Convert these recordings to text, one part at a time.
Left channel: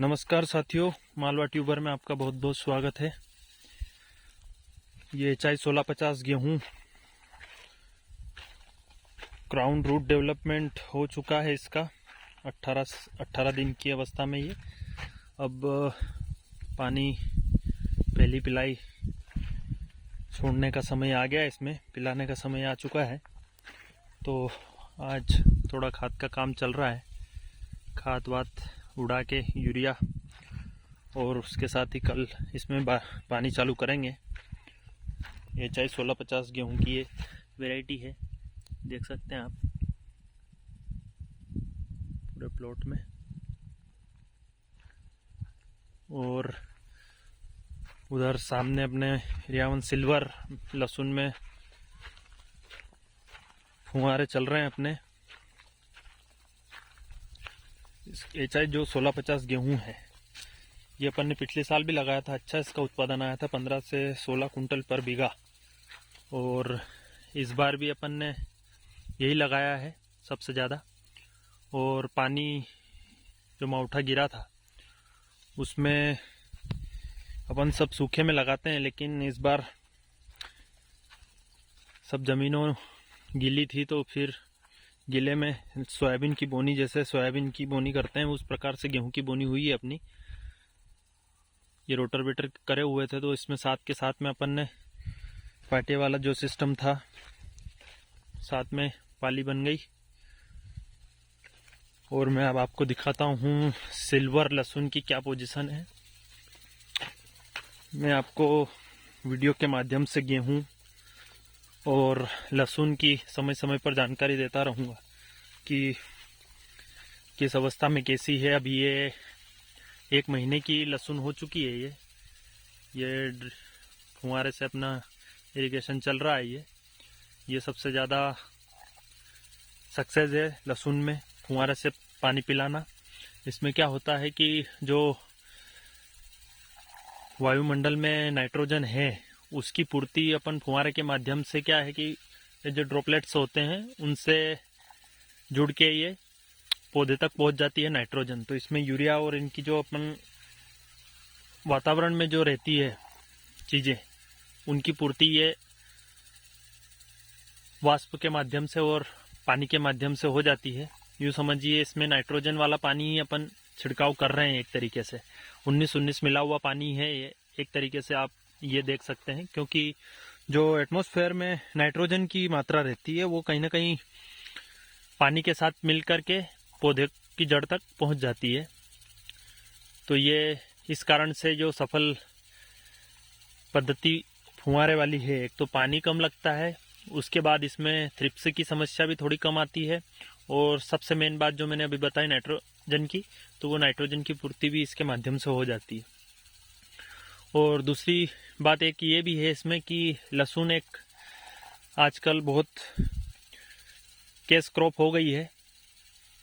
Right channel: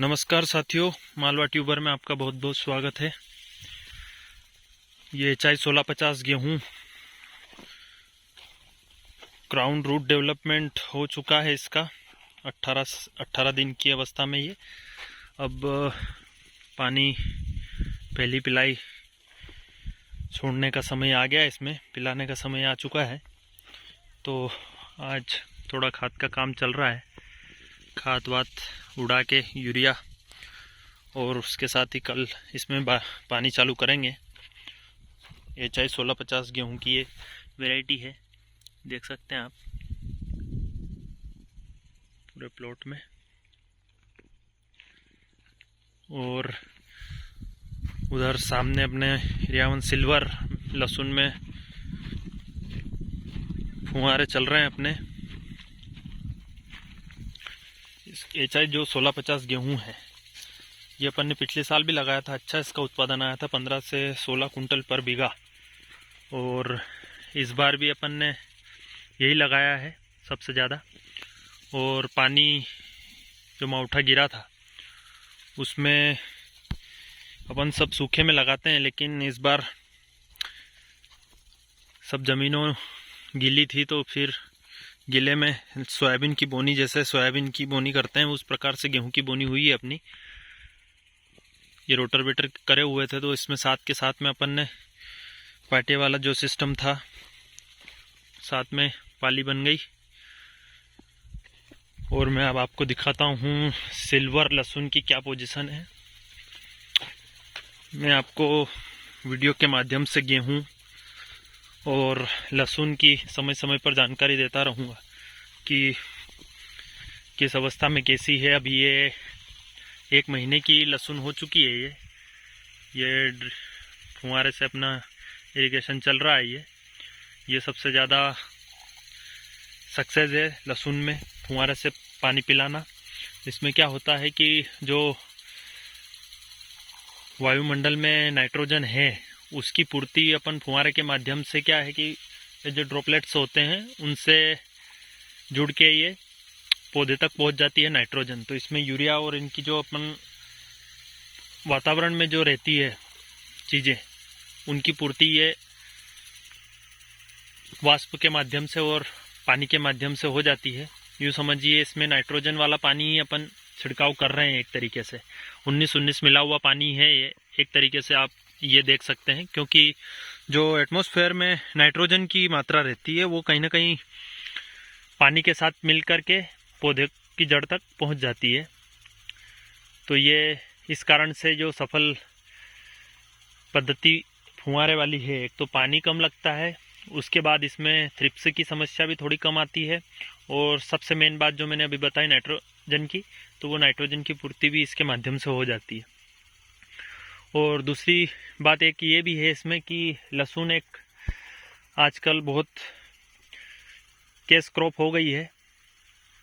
नमस्कार साथियों, मालवा ट्यूबर में आपका बहुत बहुत स्वागत है। ये HI 1650 गेहूँ क्राउन रूट डेवलपमेंट हो चुका है। इसका 18 दिन की अवस्था में ये अब पानी पहली पिलाई छोड़ने का समय आ गया, इसमें पिलाने का समय आ चुका है। तो आज थोड़ा खाद का काम चल रहा है, खाद वाद उड़ा के यूरिया, और उसके साथ ही कल इसमें पानी चालू करेंगे। HI 1650 गेहूं की ये वैरायटी है, देख सकते हैं आप पूरे प्लॉट में। और उधर सामने अपने रियावन सिल्वर लहसुन में फुहारे चल रहे हैं अपने। HI जो 1650 गेहूं है, ये अपन ने पिछले साल भी लगाया था। अच्छा इसका उत्पादन आया था, 15 से 16 कुंटल पर बीघा। और इस बार भी अपन ने यही लगाया है सबसे ज़्यादा। और पानी जो मावठा गिरा था उसमें अपन सब सूखे में लगाते हैं, लेकिन इस बार सब ज़मीनों गीली थी, तो फिर गीले में सोयाबीन की बोनी, जैसे सोयाबीन की बोनी करते हैं उस प्रकार से गेहूं की बोनी हुई है अपनी। ये रोटर वेटर करे हुए थे, तो इसमें साथ के साथ में अपन ने पाटे वाला जो सिस्टम था, साथ में पाली बन गई। और मैं अब आपको दिखाता हूँ सिल्वर लहसुन की क्या पोजीशन है। मैं आपको वीडियो के माध्यम से गेहूं और लहसुन की समय समय पर जानकारी देता रहूँगा कि किस अवस्था में कैसी है। अभी ये 1 महीने की लहसुन हो चुकी है। ये फुहारे से अपना इरिगेशन चल रहा है। ये सबसे ज़्यादा सक्सेस है लहसुन में, फुहारे से पानी पिलाना। इसमें क्या होता है कि जो वायुमंडल में नाइट्रोजन है उसकी पूर्ति अपन फुहारे के माध्यम से, क्या है कि ये जो ड्रॉपलेट्स होते हैं उनसे जुड़ के ये पौधे तक पहुंच जाती है नाइट्रोजन। तो इसमें यूरिया और इनकी जो अपन वातावरण में जो रहती है चीज़ें, उनकी पूर्ति ये वाष्प के माध्यम से और पानी के माध्यम से हो जाती है। यूँ समझिए इसमें नाइट्रोजन वाला पानी ही अपन छिड़काव कर रहे हैं एक तरीके से। 19-19 मिला हुआ पानी है ये, एक तरीके से आप ये देख सकते हैं, क्योंकि जो एटमॉस्फेयर में नाइट्रोजन की मात्रा रहती है वो कहीं ना कहीं पानी के साथ मिल कर के पौधे की जड़ तक पहुंच जाती है। तो ये इस कारण से जो सफल पद्धति फुहारे वाली है, एक तो पानी कम लगता है, उसके बाद इसमें थ्रिप्स की समस्या भी थोड़ी कम आती है, और सबसे मेन बात जो मैंने अभी बताई नाइट्रोजन की, तो वो नाइट्रोजन की पूर्ति भी इसके माध्यम से हो जाती है। और दूसरी बात एक ये भी है इसमें कि लहसुन एक आजकल बहुत कैश क्रॉप हो गई है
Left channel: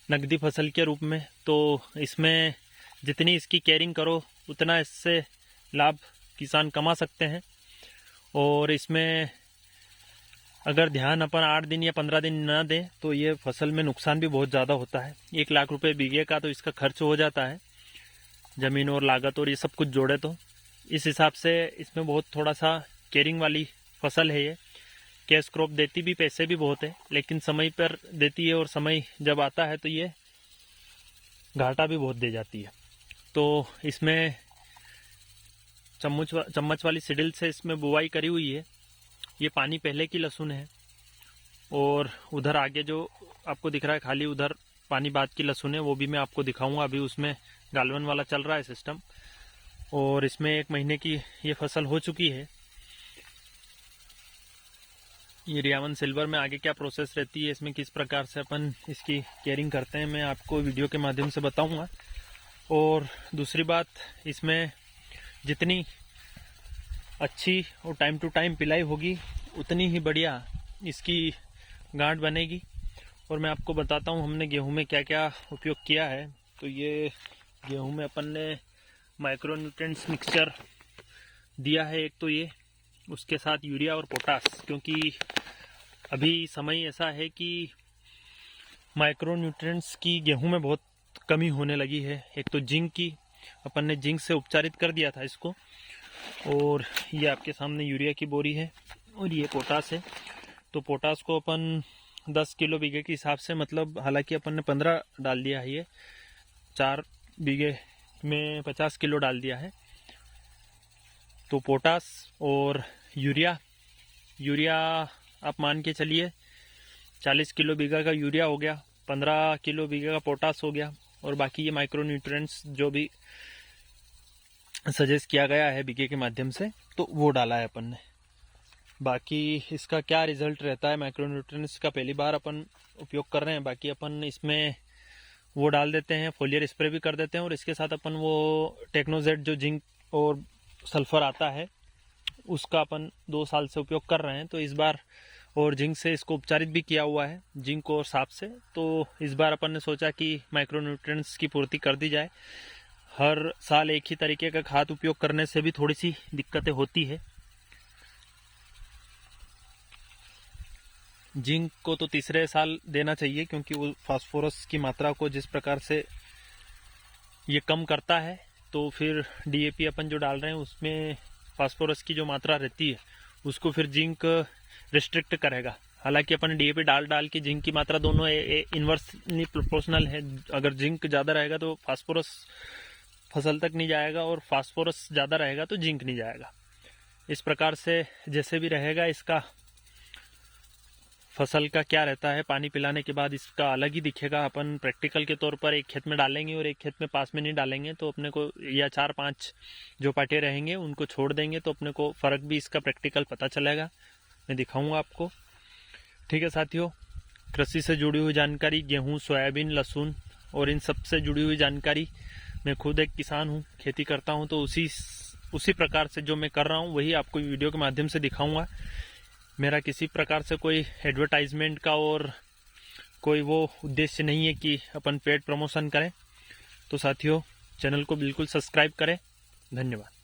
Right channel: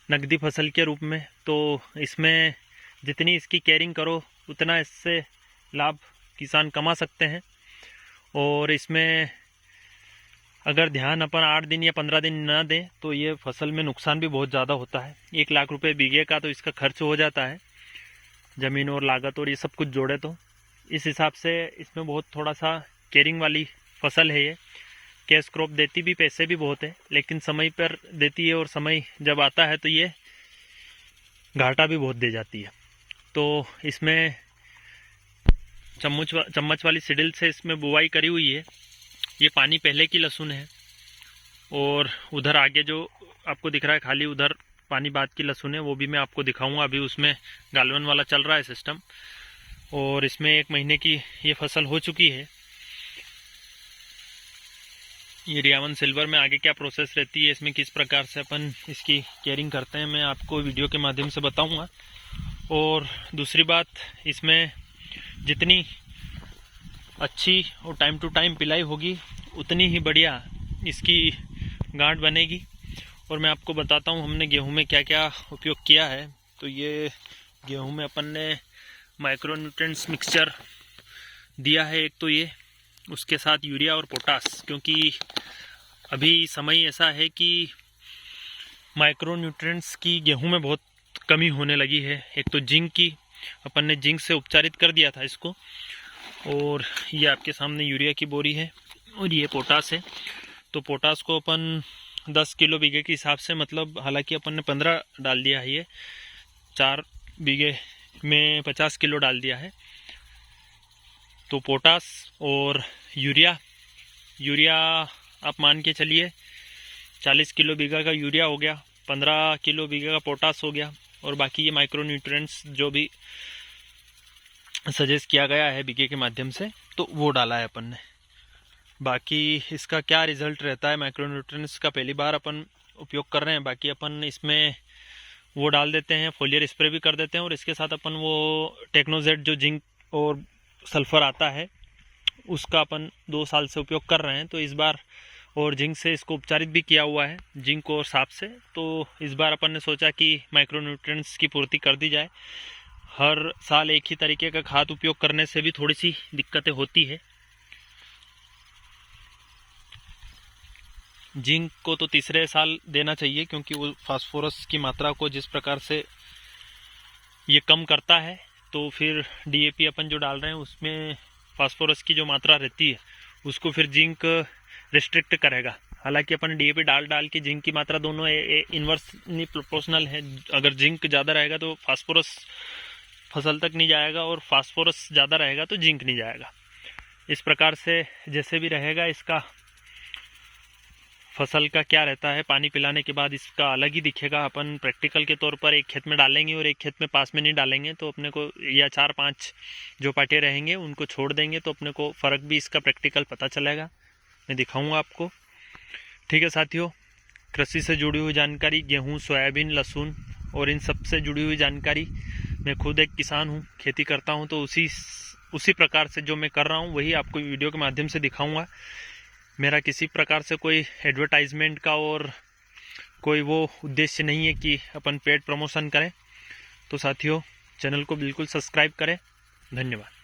नकदी फसल के रूप में। तो इसमें जितनी इसकी केयरिंग करो उतना इससे लाभ किसान कमा सकते हैं। और इसमें अगर ध्यान अपन 8 दिन या 15 दिन ना दें तो ये फसल में नुकसान भी बहुत ज़्यादा होता है। 1 लाख रुपए बीघे का तो इसका खर्च हो जाता है, ज़मीन और लागत और ये सब कुछ जोड़े। तो इस हिसाब से इसमें बहुत थोड़ा सा केयरिंग वाली फसल है ये। कैश क्रॉप देती भी, पैसे भी बहुत है, लेकिन समय पर देती है, और समय जब आता है तो ये घाटा भी बहुत दे जाती है। तो इसमें चम्मच वाली सिडिल से इसमें बुवाई करी हुई है। ये पानी पहले की लहसुन है, और उधर आगे जो आपको दिख रहा है खाली, उधर पानी बाद की लहसुन है, वो भी मैं आपको दिखाऊंगा। अभी उसमें गालवन वाला चल रहा है सिस्टम। और इसमें 1 महीने की ये फसल हो चुकी है। ये रियावन सिल्वर में आगे क्या प्रोसेस रहती है, इसमें किस प्रकार से अपन इसकी केयरिंग करते हैं, मैं आपको वीडियो के माध्यम से बताऊंगा। और दूसरी बात, इसमें जितनी अच्छी और टाइम टू टाइम पिलाई होगी उतनी ही बढ़िया इसकी गांठ बनेगी। और मैं आपको बताता हूँ हमने गेहूं में क्या क्या उपयोग किया है। तो ये गेहूं में अपन ने माइक्रोन्यूट्रिएंट्स मिक्सचर दिया है एक, तो ये उसके साथ यूरिया और पोटास, क्योंकि अभी समय ऐसा है कि माइक्रोन्यूट्रिएंट्स की गेहूं में बहुत कमी होने लगी है। एक तो जिंक की, अपन ने जिंक से उपचारित कर दिया था इसको। और ये आपके सामने यूरिया की बोरी है और ये पोटास है। तो पोटास को अपन 10 किलो बीघे के हिसाब से, मतलब हालांकि अपन ने 15 डाल दिया है, ये 4 बीघे में 50 किलो डाल दिया है। तो पोटास और यूरिया आप मान के चलिए 40 किलो बीघा का यूरिया हो गया, 15 किलो बीघा का पोटास हो गया, और बाकी ये माइक्रो न्यूट्रिएंट्स जो भी सजेस्ट किया गया है बीघे के माध्यम से, तो वो डाला है अपन ने। बाकी इसका क्या रिजल्ट रहता है माइक्रो न्यूट्रिएंट्स का, पहली बार अपन उपयोग कर रहे हैं। बाकी अपन इसमें वो डाल देते हैं, फोलियर स्प्रे भी कर देते हैं, और इसके साथ अपन वो टेक्नोजेट जो जिंक और सल्फर आता है उसका अपन 2 साल से उपयोग कर रहे हैं। तो इस बार, और जिंक से इसको उपचारित भी किया हुआ है, जिंक और सांप से। तो इस बार अपन ने सोचा कि माइक्रो न्यूट्रिएंट्स की पूर्ति कर दी जाए। हर साल एक ही तरीके का खाद उपयोग करने से भी थोड़ी सी दिक्कतें होती है। जिंक को तो तीसरे साल देना चाहिए, क्योंकि वो फास्फोरस की मात्रा को जिस प्रकार से ये कम करता है, तो फिर डीएपी अपन जो डाल रहे हैं उसमें फास्फोरस की जो मात्रा रहती है उसको फिर जिंक रिस्ट्रिक्ट करेगा। हालांकि अपन डीएपी डाल के जिंक की मात्रा दोनों इन्वर्सली प्रोपोर्शनल है। अगर जिंक ज़्यादा रहेगा तो फास्फोरस फसल तक नहीं जाएगा, और फास्फोरस ज़्यादा रहेगा तो जिंक नहीं जाएगा। इस प्रकार से जैसे भी रहेगा, इसका फसल का क्या रहता है, पानी पिलाने के बाद इसका अलग ही दिखेगा। अपन प्रैक्टिकल के तौर पर एक खेत में डालेंगे और एक खेत में पास में नहीं डालेंगे, तो अपने को, या 4-5 जो पाटे रहेंगे उनको छोड़ देंगे, तो अपने को फ़र्क भी इसका प्रैक्टिकल पता चलेगा। मैं दिखाऊंगा आपको। ठीक है साथियों, कृषि से जुड़ी हुई जानकारी, गेहूँ, सोयाबीन, लहसुन और इन सब से जुड़ी हुई जानकारी, मैं खुद एक किसान हूँ, खेती करता हूँ, तो उसी प्रकार से जो मैं कर रहा हूँ वही आपको वीडियो के माध्यम से दिखाऊंगा। मेरा किसी प्रकार से कोई एडवर्टाइजमेंट का और कोई वो उद्देश्य नहीं है कि अपन पेड प्रमोशन करें। तो साथियों, चैनल को बिल्कुल सब्सक्राइब करें। धन्यवाद।